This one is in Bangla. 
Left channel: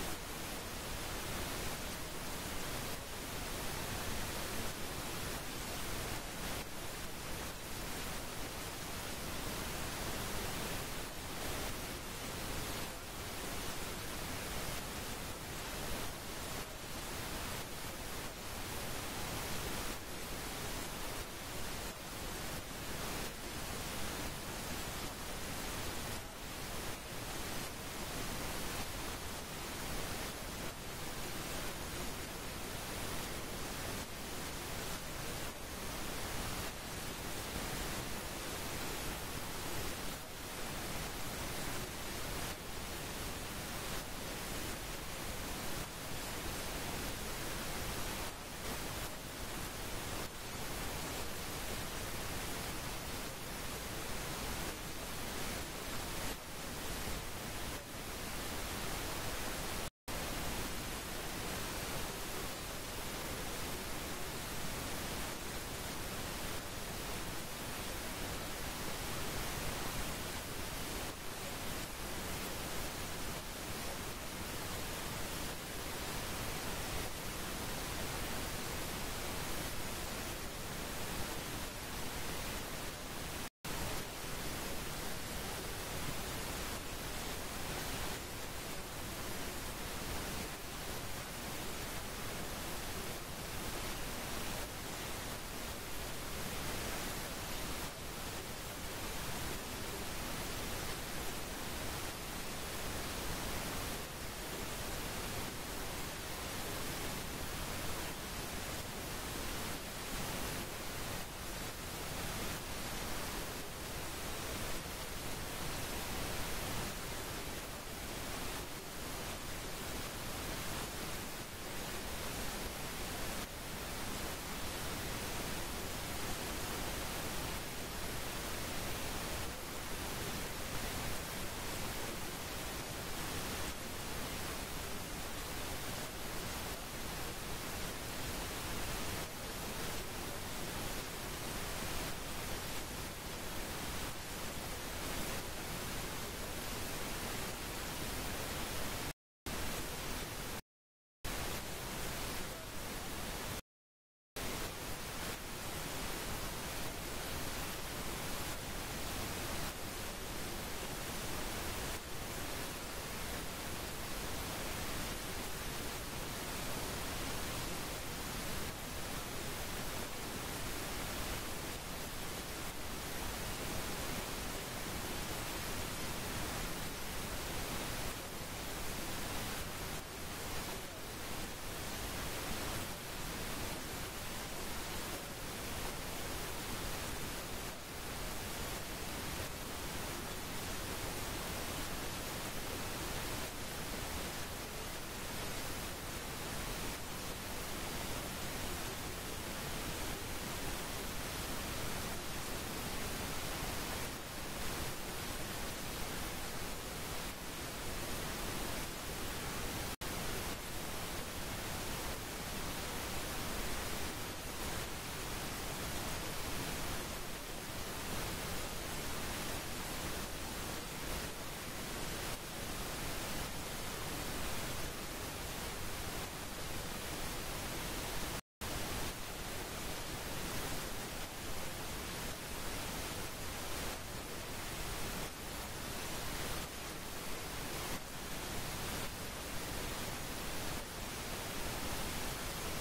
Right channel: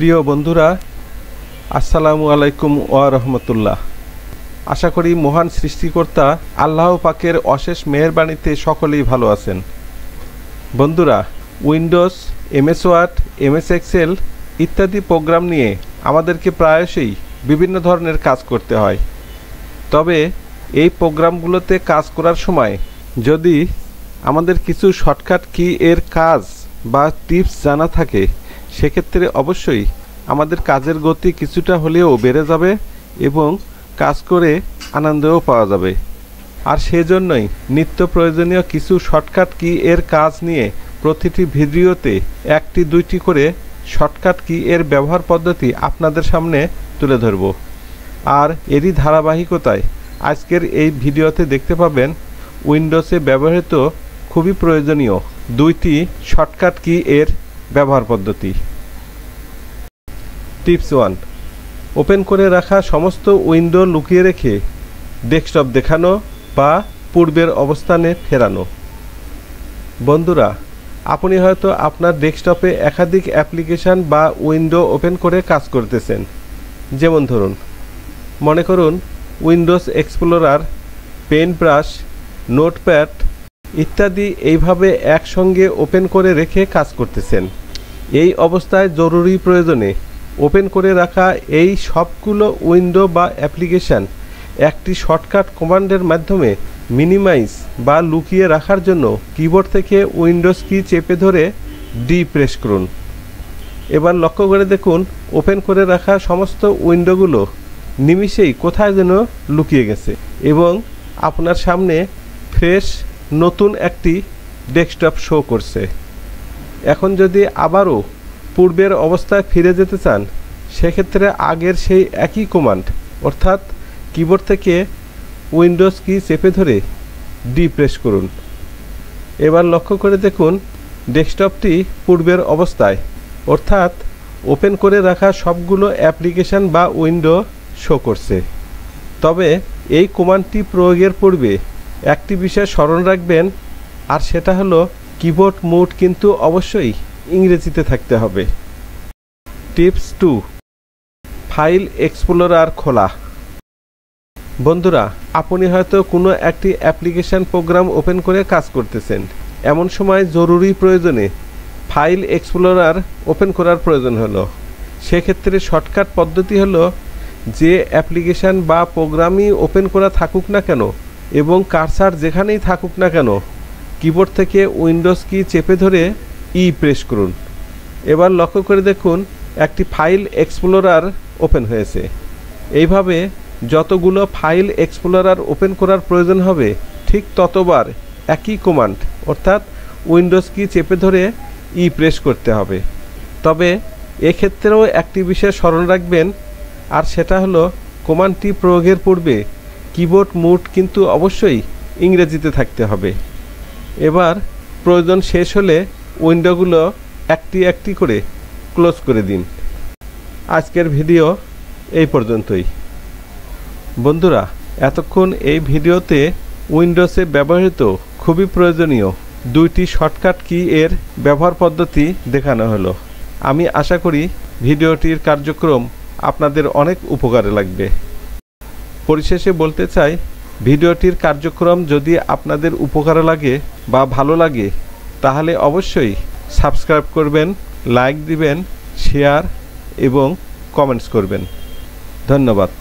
প্রিয় বন্ধুরা, আসসালামু আলাইকুম ওয়া রাহমাতুল্লাহ। আশা করি মহান সৃষ্টিকর্তা আল্লাহ পাকের অশেষ মেহেরবানিতে সকলেই ভালো আছেন। বন্ধুরা, Windows, MS Word, MS Excel ইত্যাদি প্রোগ্রাম নিয়ে আমাদেরকে প্রায়শই বিভিন্ন ধরনের কাজ করতে হয়। তবে এই প্রোগ্রামগুলোতে কাজ করার সময় যদি আমাদের কিছু শর্টকাট কি এর কাজ বা টিপস জানা থাকে, সেক্ষেত্রে অবশ্যই আমাদের কাজের গতি কিছুটা হলেও বেড়ে যাবে এবং কাজ করে আনন্দও পাওয়া যাবে। আর সেজন্যই নিত্য প্রয়োজনীয় কিছু শর্টকাট কি এর কাজ নিয়ে প্রতিটি ভিডিওতে একটি দুইটি করে শর্টকাট কি এর ব্যবহার পদ্ধতি আপনাদের সামনে তুলে ধরব। আর এরই ধারাবাহিকতায় আজকের এই ভিডিওতে দেখতে পাবেন উইন্ডোজে ব্যবহৃত খুবই প্রয়োজনীয় দুইটি শর্টকাট কি এর ব্যবহার পদ্ধতি। টিপস 1, ওপেন করে রাখা সমস্ত উইন্ডো লুকিয়ে রেখে ডেস্কটপ দেখানো বা পূর্বের অবস্থানে ফেরানো। বন্ধুরা, আপনি হয়তো আপনার ডেস্কটপে একাধিক অ্যাপ্লিকেশন বা উইন্ডো ওপেন করে কাজ করতেছেন। যেমন ধরুন, মনে করুন Windows explorer, paint brush, notepad ইত্যাদি এইভাবে একসঙ্গে ওপেন করে রেখে কাজ করতেছেন। এই অবস্থায় জরুরি প্রয়োজনে ওপেন করে রাখা এই সবগুলো উইন্ডো বা অ্যাপ্লিকেশান একটি শর্টকাট কমান্ডের মাধ্যমে মিনিমাইজ বা লুকিয়ে রাখার জন্য কিবোর্ড থেকে উইন্ডোজ কি চেপে ধরে ডি প্রেস করুন। এবার লক্ষ্য করে দেখুন, ওপেন করে রাখা সমস্ত উইন্ডোগুলো নিমিষেই কোথায় যেন লুকিয়ে গেছে এবং আপনার সামনে ফ্রেশ নতুন একটি ডেস্কটপ শো করছে। এখন যদি আবারও পূর্বের অবস্থায় ফিরে যেতে চান, সেক্ষেত্রে আগের সেই একই কমান্ড অর্থাৎ কিবোর্ড থেকে উইন্ডোজ কি চেপে ধরে ডি প্রেস করুন। এবার লক্ষ্য করে দেখুন, ডেস্কটপটি পূর্বের অবস্থায় অর্থাৎ ওপেন করে রাখা সবগুলো অ্যাপ্লিকেশান বা উইন্ডো শো করছে। তবে এই কমান্ডটি প্রয়োগের পূর্বে একটি বিষয় স্মরণ রাখবেন, আর সেটা হলো কিবোর্ড মোড কিন্তু অবশ্যই ইংরেজিতে থাকতে হবে। টিপস 2, ফাইল এক্সপ্লোরার খোলা। বন্ধুরা, আপনি হয়তো কোনো একটি অ্যাপ্লিকেশন প্রোগ্রাম ওপেন করে কাজ করতেছেন। এমন সময় জরুরি প্রয়োজনে ফাইল এক্সপ্লোরার ওপেন করার প্রয়োজন হলো। সেক্ষেত্রে শর্টকাট পদ্ধতি হলো, যে অ্যাপ্লিকেশন বা প্রোগ্রামই ওপেন করা থাকুক না কেন এবং কার্সার যেখানেই থাকুক না কেন, কিবোর্ড থেকে উইন্ডোজ কি চেপে ধরে ই প্রেস করুন। এবার লক্ষ্য করে দেখুন, একটি ফাইল এক্সপ্লোরার ওপেন হয়েছে। এইভাবে যতগুলো ফাইল এক্সপ্লোরার ওপেন করার প্রয়োজন হবে, ঠিক ততবার একই কমান্ড অর্থাৎ উইন্ডোজ কি চেপে ধরে ই প্রেস করতে হবে। তবে এক্ষেত্রেও একটি বিষয় স্মরণ রাখবেন, আর সেটা হলো কমান্ডটি প্রয়োগের পূর্বে কিবোর্ড মোড কিন্তু অবশ্যই ইংরেজিতে থাকতে হবে। এবার প্রয়োজন শেষ হলে উইন্ডোগুলো একটি একটি করে ক্লোজ করে দিন। আজকের ভিডিও এই পর্যন্তই। বন্ধুরা, এতক্ষণ এই ভিডিওতে উইন্ডোজে ব্যবহৃত খুবই প্রয়োজনীয় দুইটি শর্টকাট কি এর ব্যবহার পদ্ধতি দেখানো হলো। আমি আশা করি ভিডিওটির কার্যক্রম আপনাদের অনেক উপকারে লাগবে। পরিশেষে বলতে চাই, ভিডিওটির কার্যক্রম যদি আপনাদের উপকারে লাগে বা ভালো লাগে, তাহলে অবশ্যই সাবস্ক্রাইব করবেন, লাইক দিবেন, শেয়ার এবং কমেন্টস করবেন। ধন্যবাদ।